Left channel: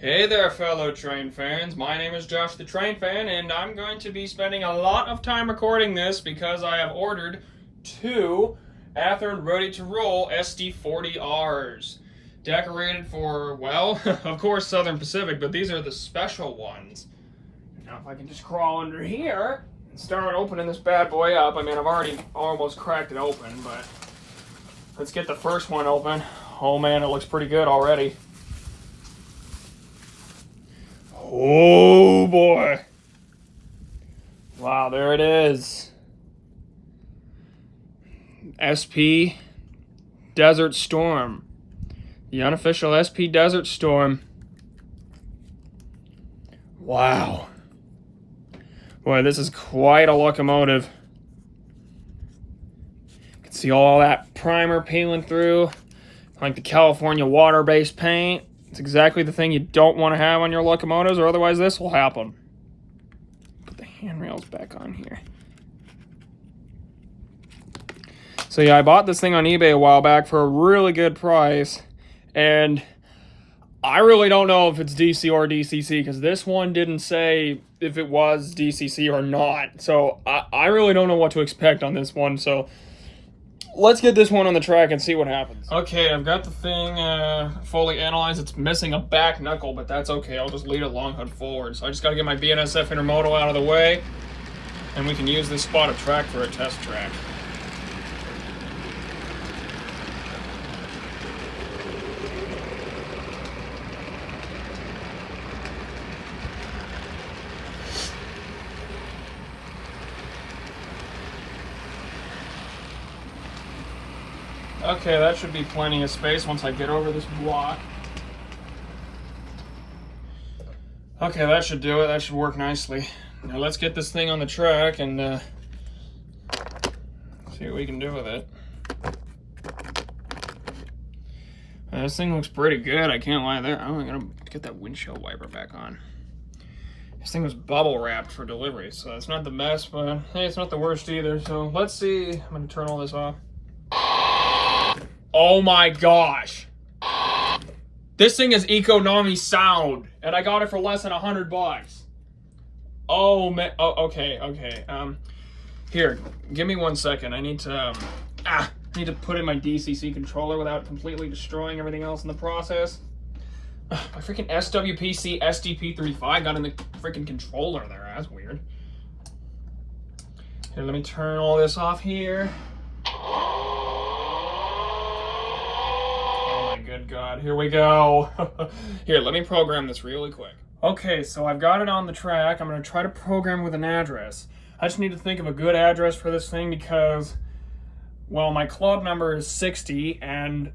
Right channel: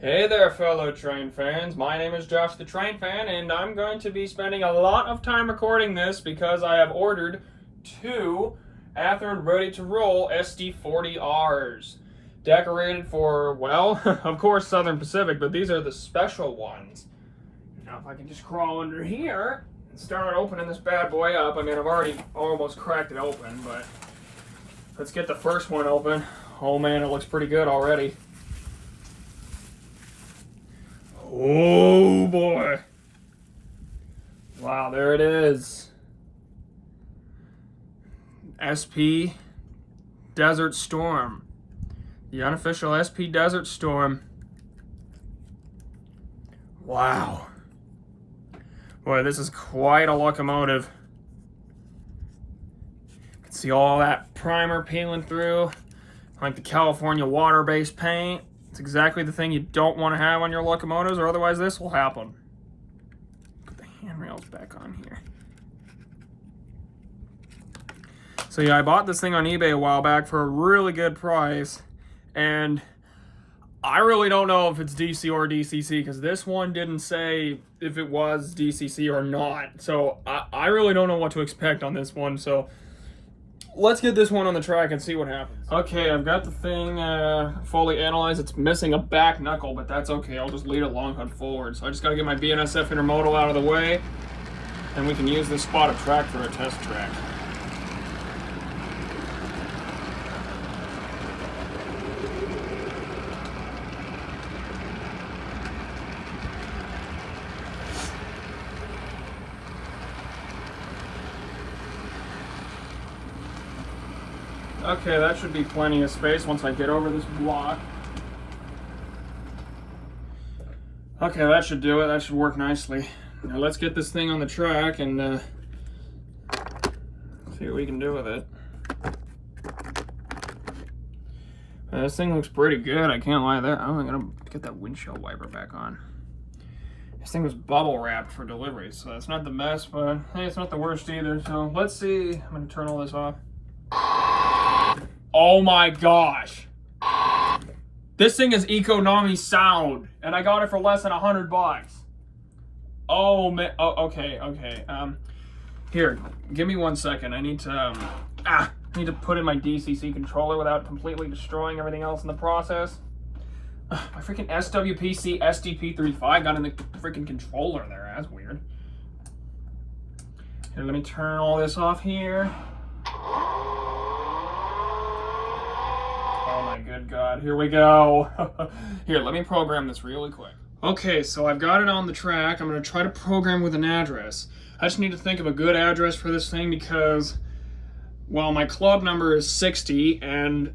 Hey there, fellow train fans. My name is Josh the Train Fan, and I'm going to be spending a lot of time recording this because I have ordered two Athearn ready-to-roll SD40Rs. Decorated for, well, of course, Southern Pacific, but these are the special ones. Now, if I can just crawl under here and start opening this bad boy up. I mean, I've already almost cracked it open, but let's get the first one open. Oh man, it looks pretty good already. Oh boy. Wow, there it is. SP Desert Storm. The unofficial SP Desert Storm. Wow. Boy, this is quite a locomotive. You can see all that primer peeling through, like the California water-based paint. It's exactly the thing you don't want to have on your locomotives, or otherwise this will happen. Put the handrails back on here. So yeah, I bought this thing on eBay a while back for a really good price, and I really don't know if it's DC or DCC, because this one didn't say if it was DCC or not. So I really don't know what to expect on this one, so let's get this one on the track and see what happens. Okay, I've got the thing fully analyzed. It's missing a back knuckle, but that's okay. I'll just lead it long hood forward. So I just got to get my BNSF intermodal out of the way, and we can use this spot of track for a test track. Okay, that should be plenty of space once I get over this block. Okay, that should do it. That should work nicely. Now let's get this thing on the track and see what we can do with it. This thing looks pretty good, I can't lie there. Oh, I gotta get that windshield wiper back on. This thing was bubble wrapped for delivery, so it's not the best, but hey, it's not the worst either. So let's see. I'm gonna turn all this off. Oh my gosh. This thing is economy sound, and I got it for less than $100. Oh man. Oh, okay. Here, give me 1 second. I need to I need to put in my DCC controller without completely destroying everything else in the process. My freaking SWPC SDP35 got in the freaking controller there. That's weird. Here, let me turn all this off here. Good God, here we go. Here, let me program this really quick. Okay, so I've got it on the track. I'm gonna try to program with an address. I just need to think of a good address for this thing because, well, my club number is 60, and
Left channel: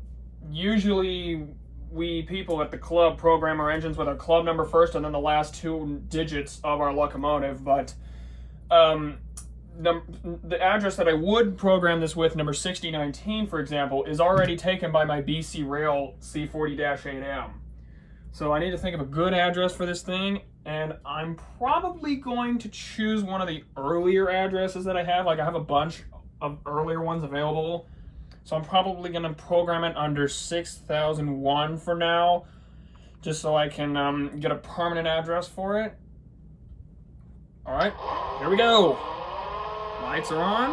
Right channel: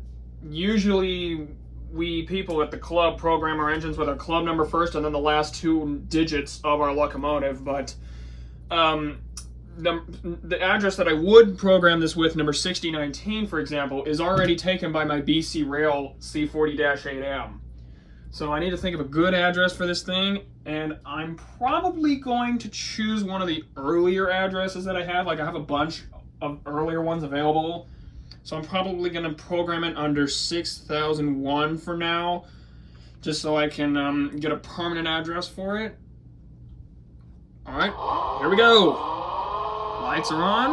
usually we people at the club program our engines with our club number first and then the last two digits of our locomotive, but the address that I would program this with, number 6019, for example, is already taken by my BC Rail C40-8M. So I need to think of a good address for this thing, and I'm probably going to choose one of the earlier addresses that I have. Like, I have a bunch of earlier ones available, so I'm probably going to program it under 6001 for now, just so I can get a permanent address for it. All right, here we go. Lights are on.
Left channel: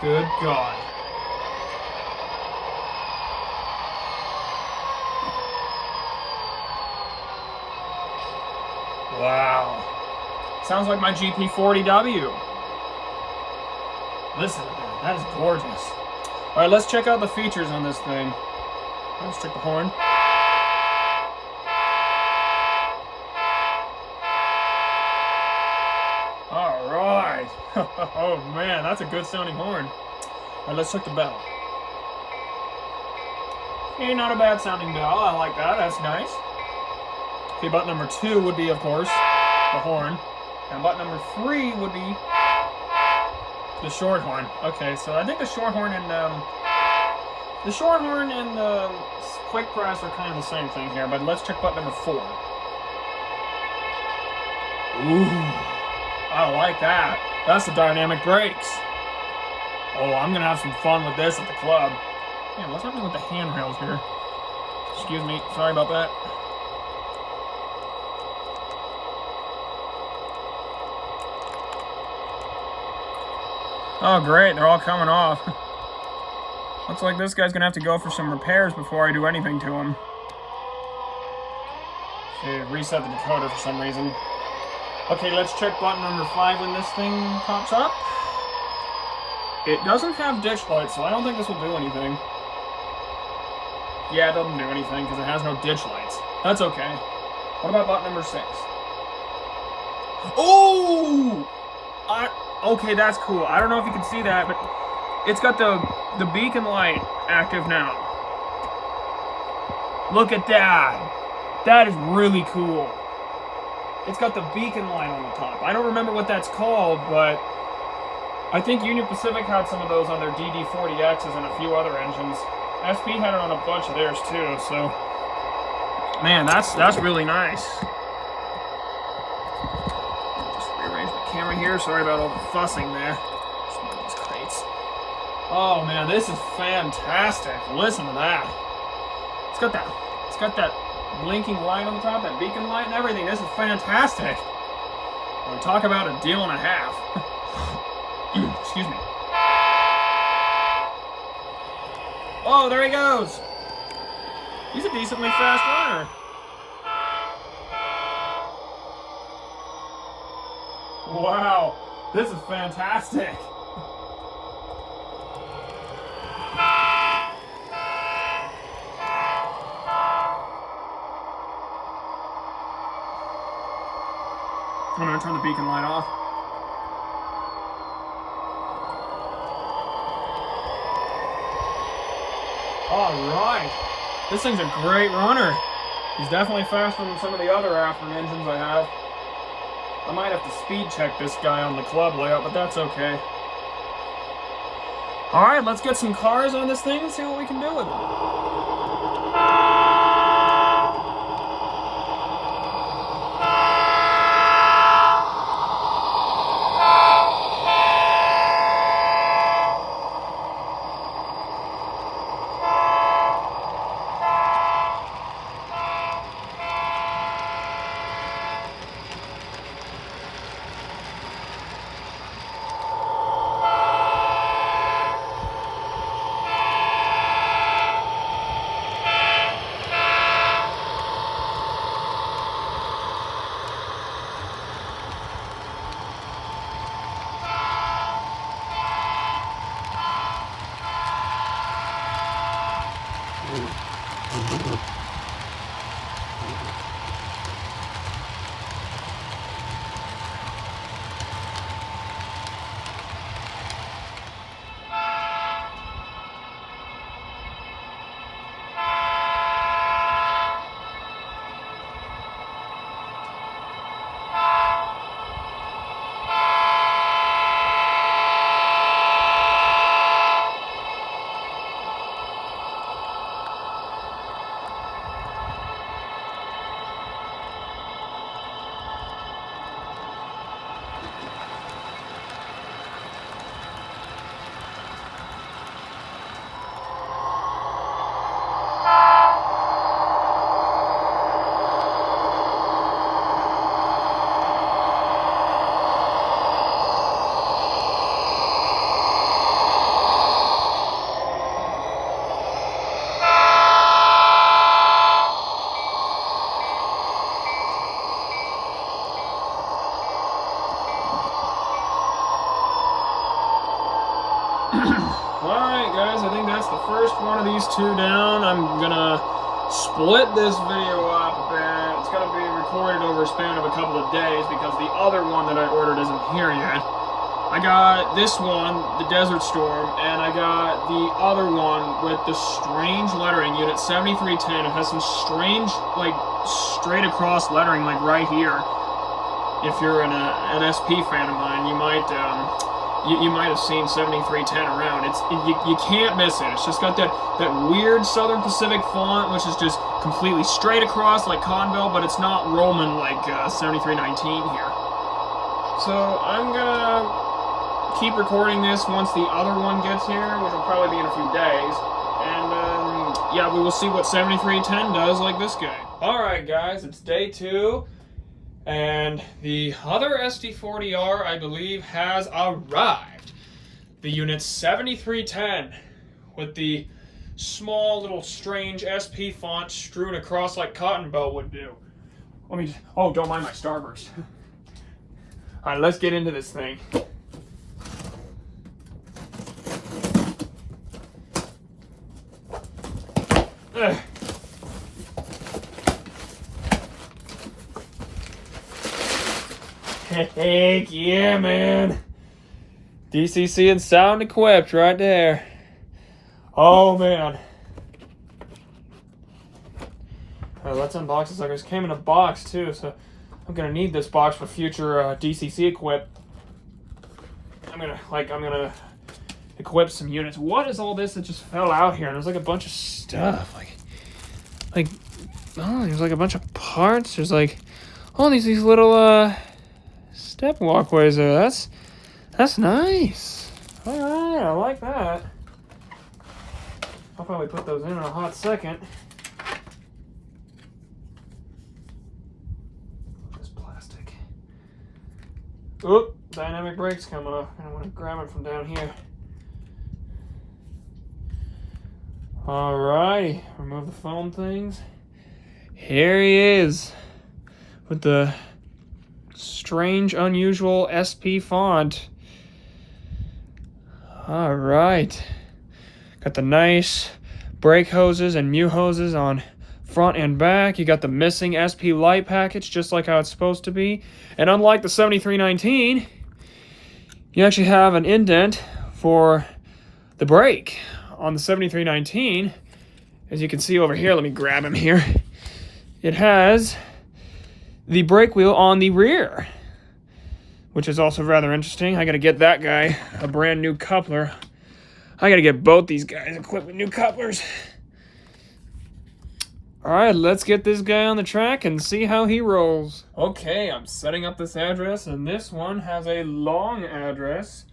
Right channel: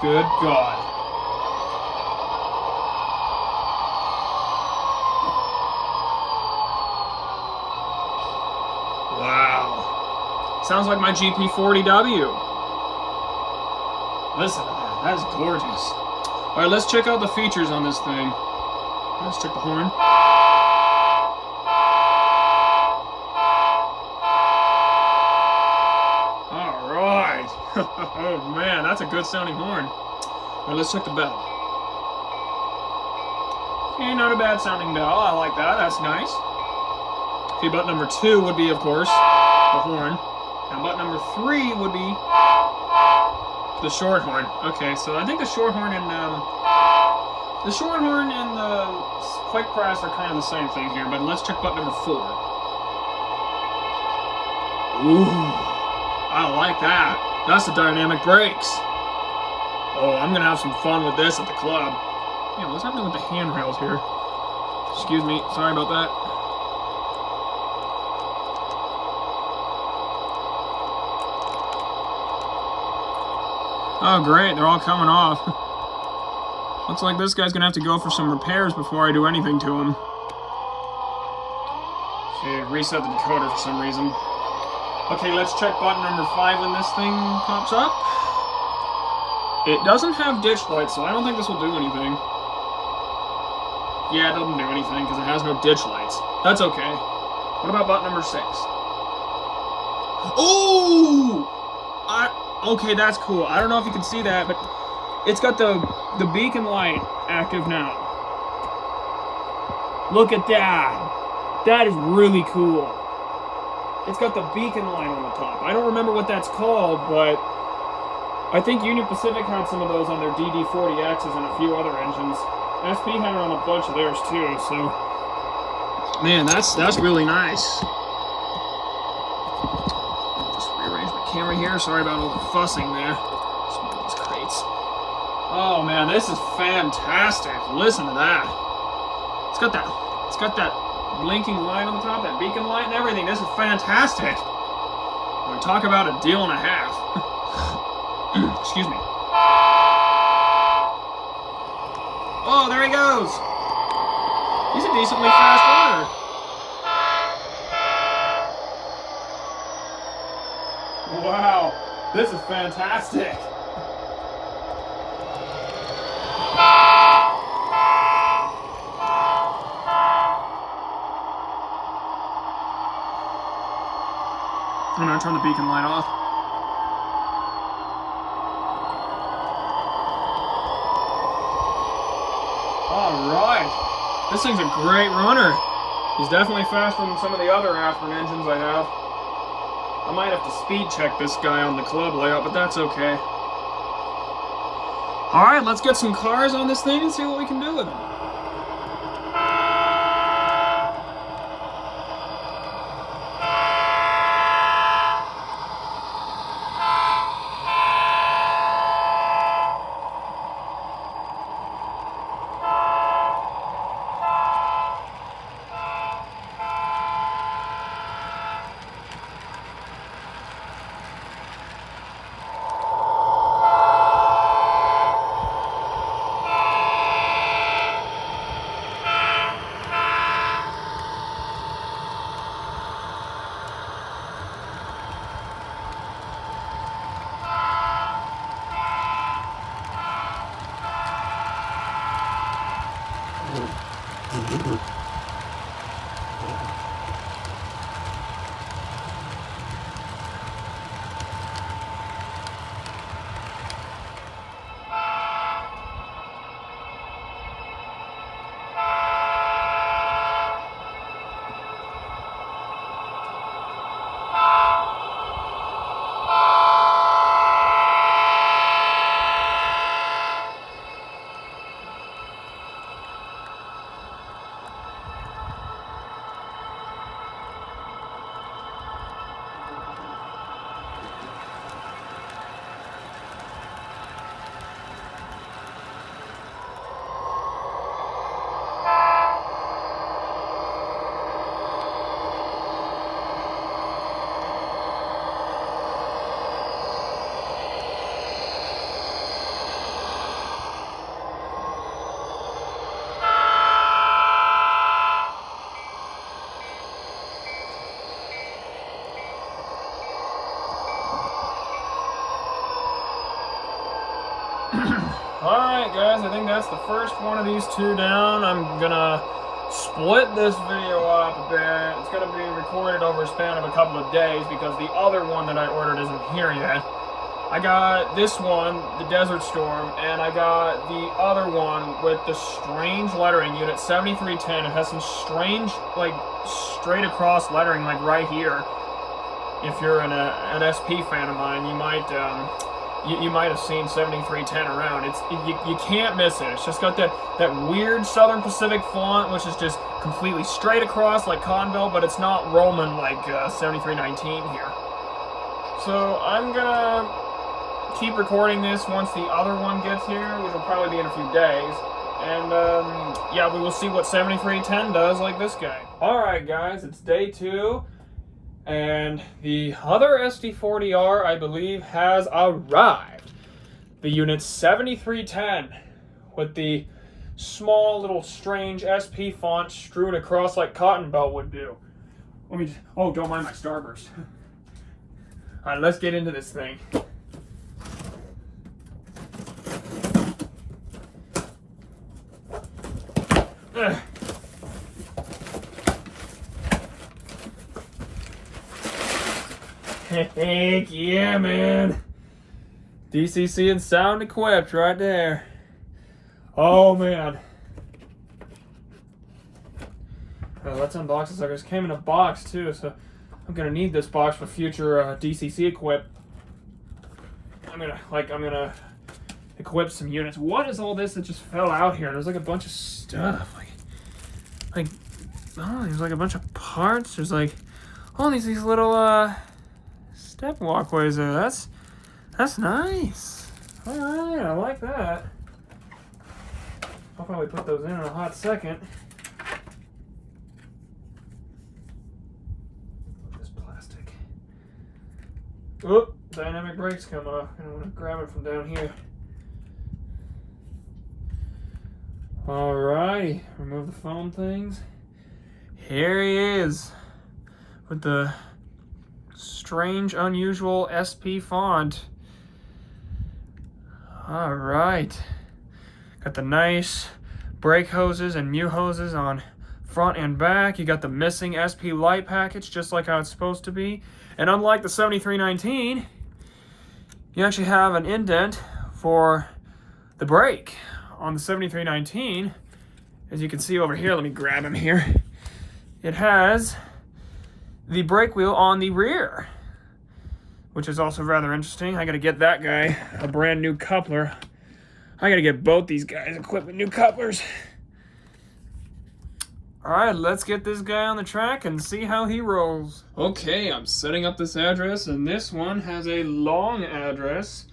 Good God. Wow. Sounds like my GP40W. Listen to that. That is gorgeous. All right, let's check out the features on this thing. Let's check the horn. Oh man, that's a good sounding horn. All right, let's check the bell. Okay, not a bad sounding bell. I like that. That's nice. Okay, button number 2 would be, of course, the horn. And button number 3 would be the short horn. Okay, so I think the short horn and the quick press are kind of the same thing here. But let's check button number 4. Ooh, I like that. That's the dynamic brakes. Oh, I'm gonna have some fun with this at the club. Man, what's happening with the handrails here? Excuse me, sorry about that. Oh great, they're all coming off. Looks like this guy's gonna have to go for some repairs before I do anything to him. See, reset the decoder for some reason. Okay, let's check button number 5 when this thing pops up. It doesn't have ditch lights, so I don't think this will do anything. Yeah, it doesn't do anything because it has no ditch lights. That's okay. What about button number 6? Oh! Okay, that's cool. I don't know if you can see that, but it's got the beacon light active now. Look at that. That is really cool. It's got the beacon light on the top. I don't remember what that's called, but I think Union Pacific had some of those on their DD40Xs and a few other engines. SP had it on a bunch of theirs too, so man, that's really nice. Just rearrange my camera here. Sorry about all the fussing there. Just move these crates. Oh man, this is fantastic. Listen to that. It's got that blinking light on the top, that beacon light and everything. This is fantastic. We'll talk about a deal and a half. Excuse me. Oh, there he goes. He's a decently fast runner. Wow, this is fantastic. I'm gonna turn the beacon light off. Alright. This thing's a great runner. He's definitely faster than some of the other Athearn engines I have. I might have to speed check this guy on the club layout, but that's okay. Alright, let's get some cars on this thing and see what we can do with it. Alright guys, I think that's the first one of these two down. I'm gonna split this video up a bit. It's gonna be recorded over a span of a couple of days because the other one that I ordered isn't here yet. I got this one, the Desert Storm, and I got the other one with the strange lettering, Unit 7310. It has some strange, like, straight across lettering, like right here. If you're an SP fan of mine, you might have seen 7310 around. You can't miss it. It's just got that weird Southern Pacific font, which is just completely straight across like Conville, but it's not Roman like 7319 here. So I'm gonna keep recording this once the other one gets here, which will probably be in a few days, And yeah, we will see what 7310 does like this guy. Alright guys, it's day 2. And the other SD40R, I believe, has arrived. The unit 7310 with the small little strange SP font strewn across like cotton belt would do. Let me, oh, don't mind my starburst. Alright, let's get into this thing. Ugh. Heck yeah, man. DCC and sound equipped right there. Oh, man. Well, let's unbox this. It came in a box, too, so I'm going to need this box for future DCC equip. I'm going to equip some units. What is all this that just fell out here? There's like a bunch of stuff. Like, oh, there's like a bunch of parts. There's like all these little, step walkways there. That's nice. All right, I like that. I'll probably put those in a hot second. This plastic. Oop, dynamic brakes come off. I want to grab it from down here. All right, remove the foam things. Here he is with the strange, unusual SP font. All right. Got the nice brake hoses and mute hoses on front and back. You got the missing SP light package, just like how it's supposed to be. And unlike the 7319, you actually have an indent for the brake. On the 7319, as you can see over here, let me grab him here. It has the brake wheel on the rear, which is also rather interesting. I gotta get that guy a brand new coupler. I gotta get both these guys equipped with new couplers. All right, let's get this guy on the track and see how he rolls. Okay, I'm setting up this address, and this one has a long address.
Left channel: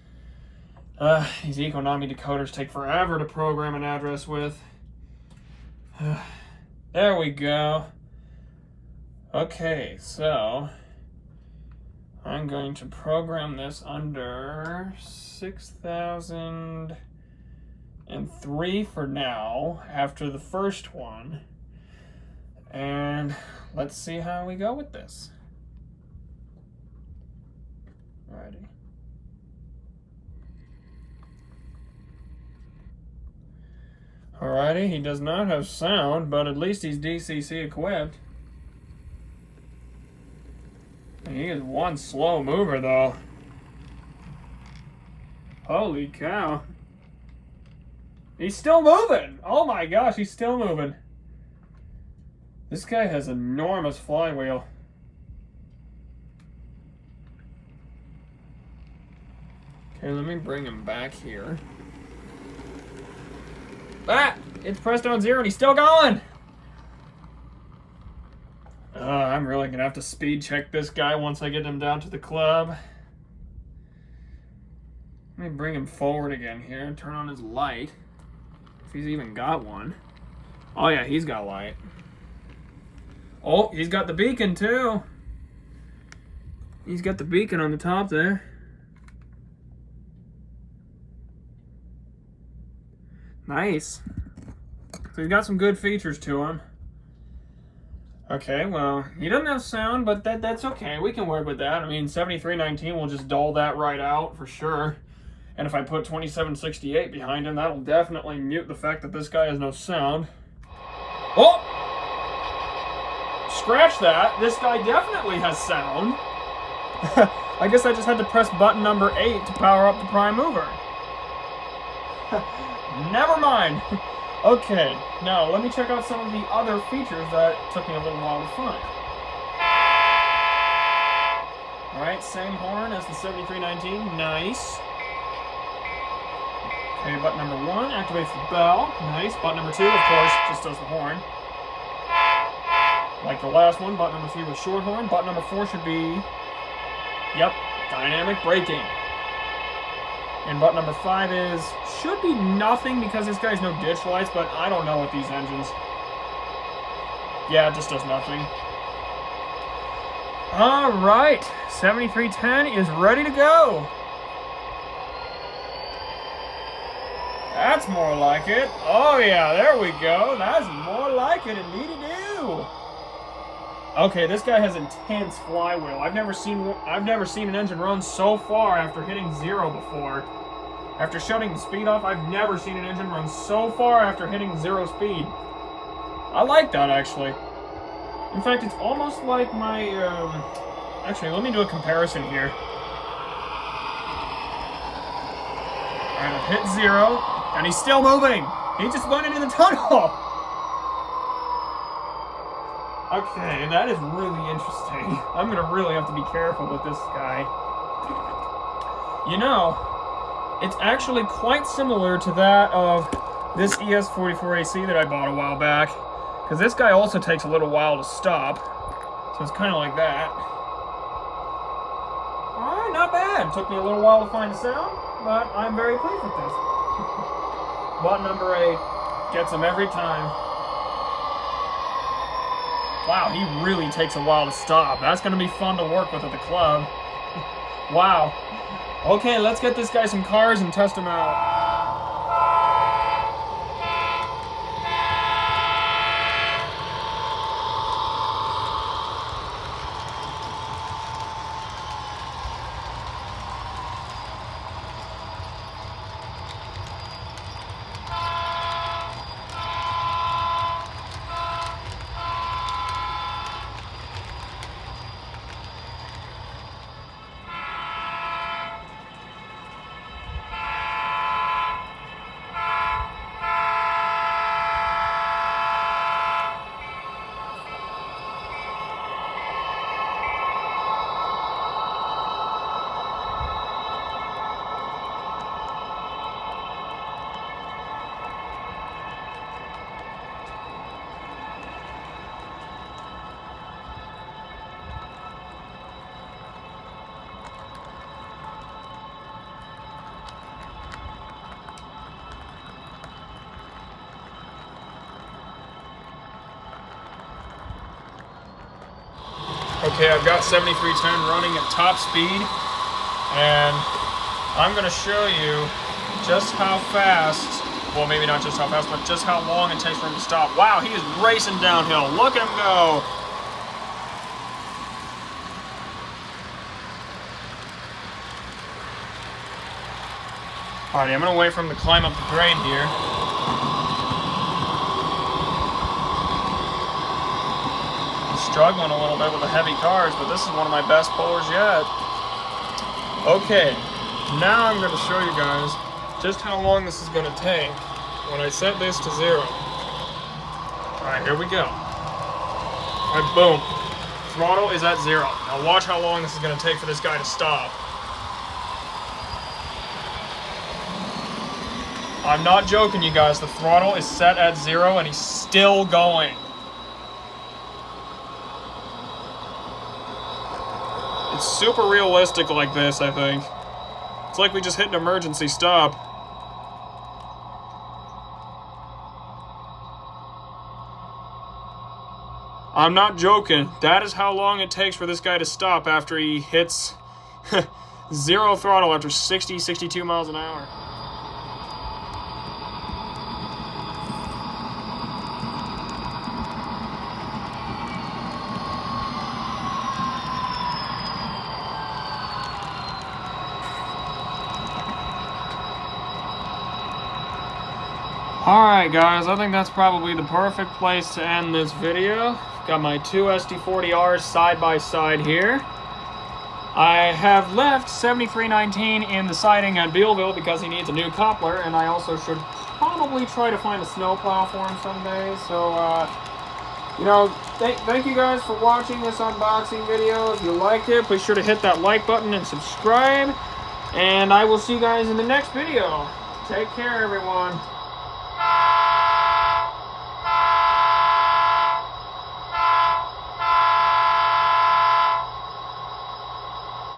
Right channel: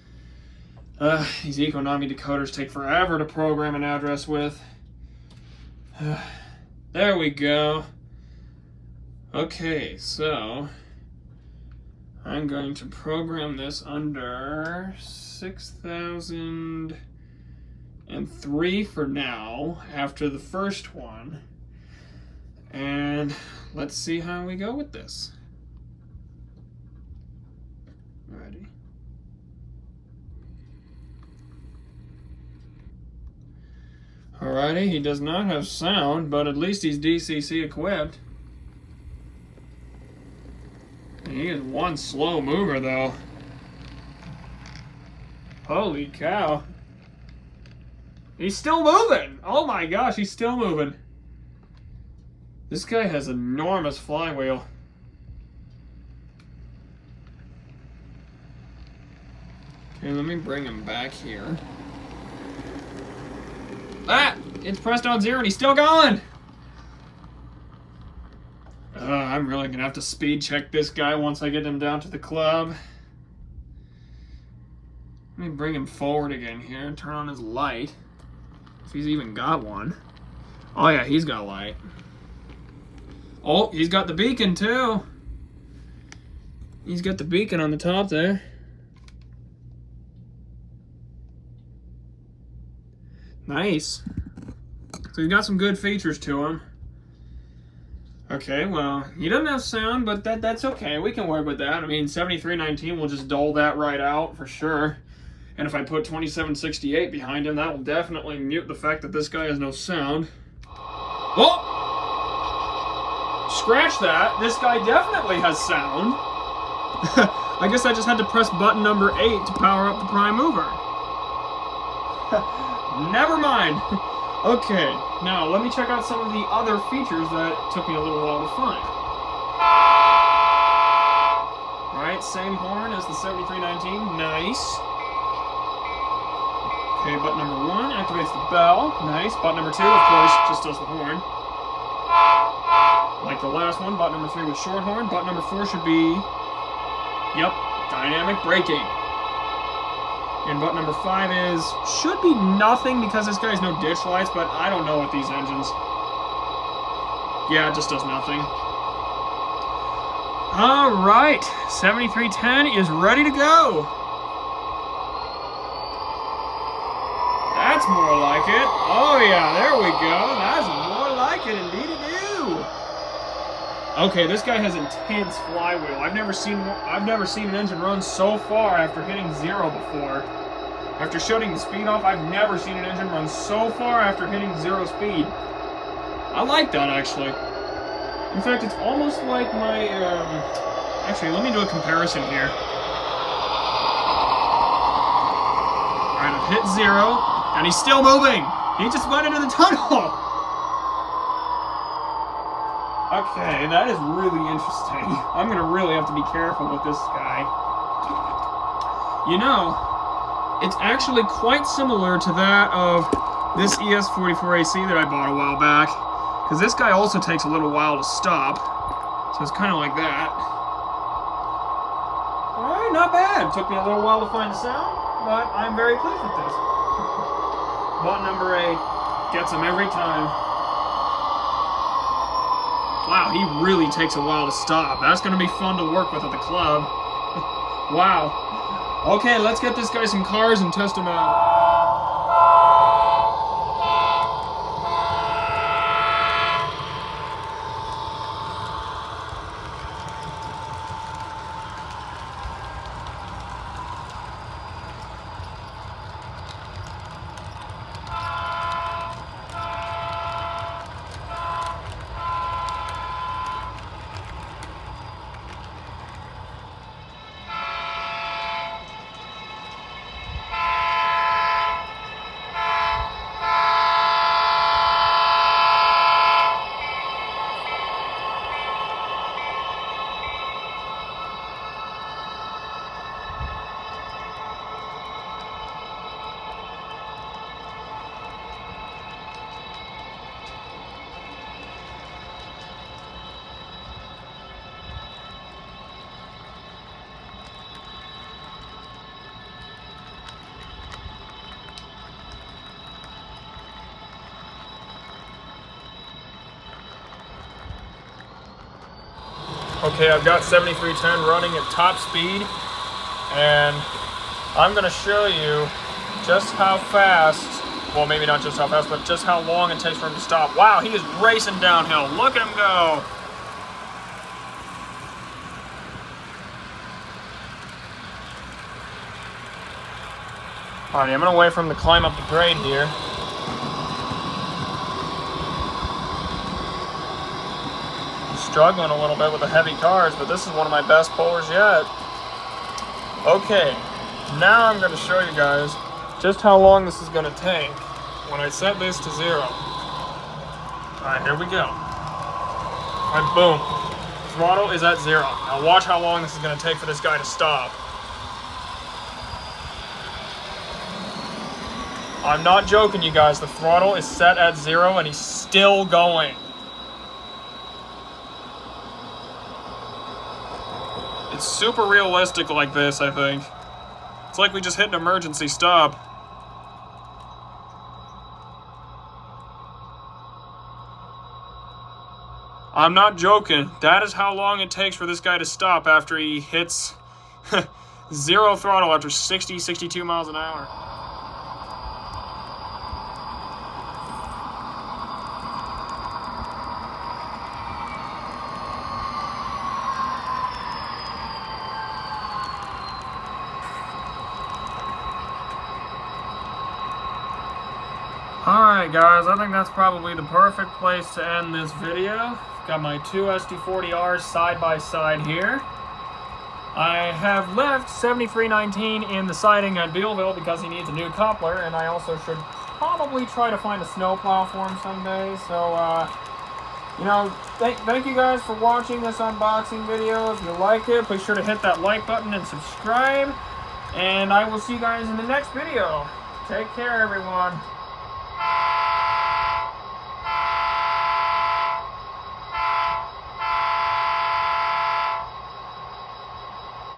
These Economy decoders take forever to program an address with. There we go. Okay, so I'm going to program this under 6003 for now, after the first one. And let's see how we go with this. Ready. Alrighty, he does not have sound, but at least he's DCC equipped. And he is one slow mover, though. Holy cow. He's still moving! Oh my gosh, he's still moving. This guy has an enormous flywheel. Okay, let me bring him back here. Ah! It's pressed on 0 and he's still going! I'm really gonna have to speed check this guy once I get him down to the club. Let me bring him forward again here and turn on his light. If he's even got one. Oh yeah, he's got light. Oh, he's got the beacon too. He's got the beacon on the top there. Nice. So he's got some good features to him. Okay, well, he doesn't have sound, but that's okay. We can work with that. I mean, 7319 will just dull that right out for sure. And if I put 2768 behind him, that'll definitely mute the fact that this guy has no sound. Oh! Scratch that. This guy definitely has sound. I guess I just had to press button number 8 to power up the prime mover. Never mind. Okay, now let me check out some of the other features that took me a little while to find. Alright, same horn as the 7319. Nice. Okay, button number 1 activates the bell. Nice. Button number 2, of course, just does the horn. Like the last one, button number 3 was short horn. Button number 4 should be, yep, dynamic braking. And button number 5 is, should be nothing because this guy's no ditch lights, but I don't know with these engines. Yeah, it just does nothing. Alright, 7310 is ready to go. That's more like it. Oh yeah, there we go. That's more like it, indeed it do. Okay, this guy has intense flywheel. I've never seen an engine run so far after hitting 0 before. After shutting the speed off, I've never seen an engine run so far after hitting 0 speed. I like that, actually. In fact, it's almost like my, actually, let me do a comparison here. Alright, I've hit 0, and he's still moving! He just went into the tunnel! Okay, that is really interesting. I'm gonna really have to be careful with this guy. You know, it's actually quite similar to that of this ES40R that I bought a while back. Because this guy also takes a little while to stop. So it's kind of like that. Alright, not bad. Took me a little while to find the sound, but I'm very pleased with this. Button number 8 gets him every time. Wow, he really takes a while to stop. That's going to be fun to work with at the club. Wow. Okay, let's get this guy some cars and test him out. Okay, I've got 7310 running at top speed, and I'm going to show you just how fast, well maybe not just how fast, but just how long it takes for him to stop. Wow, he is racing downhill. Look at him go. Alright, I'm going to wait for him to climb up the grade here. Struggling a little bit with the heavy cars, but this is one of my best pullers yet. Okay, now I'm going to show you guys just how long this is going to take when I set this to 0. Alright, here we go. Alright, boom. Throttle is at 0. Now watch how long this is going to take for this guy to stop. I'm not joking, you guys. The throttle is set at 0 and he's still going. It's super realistic like this, I think. It's like we just hit an emergency stop. I'm not joking. That is how long it takes for this guy to stop after he hits 0 throttle after 60, 62 miles an hour. Alright guys, I think that's probably the perfect place to end this video. Got my two SD40Rs side by side here. I have left 7319 in the siding at Bealville because he needs a new coupler, and I also should probably try to find a snowplow for him someday. So, you know, thank you guys for watching this unboxing video. If you like it, be sure to hit that like button and subscribe. And I will see you guys in the next video. Take care, everyone.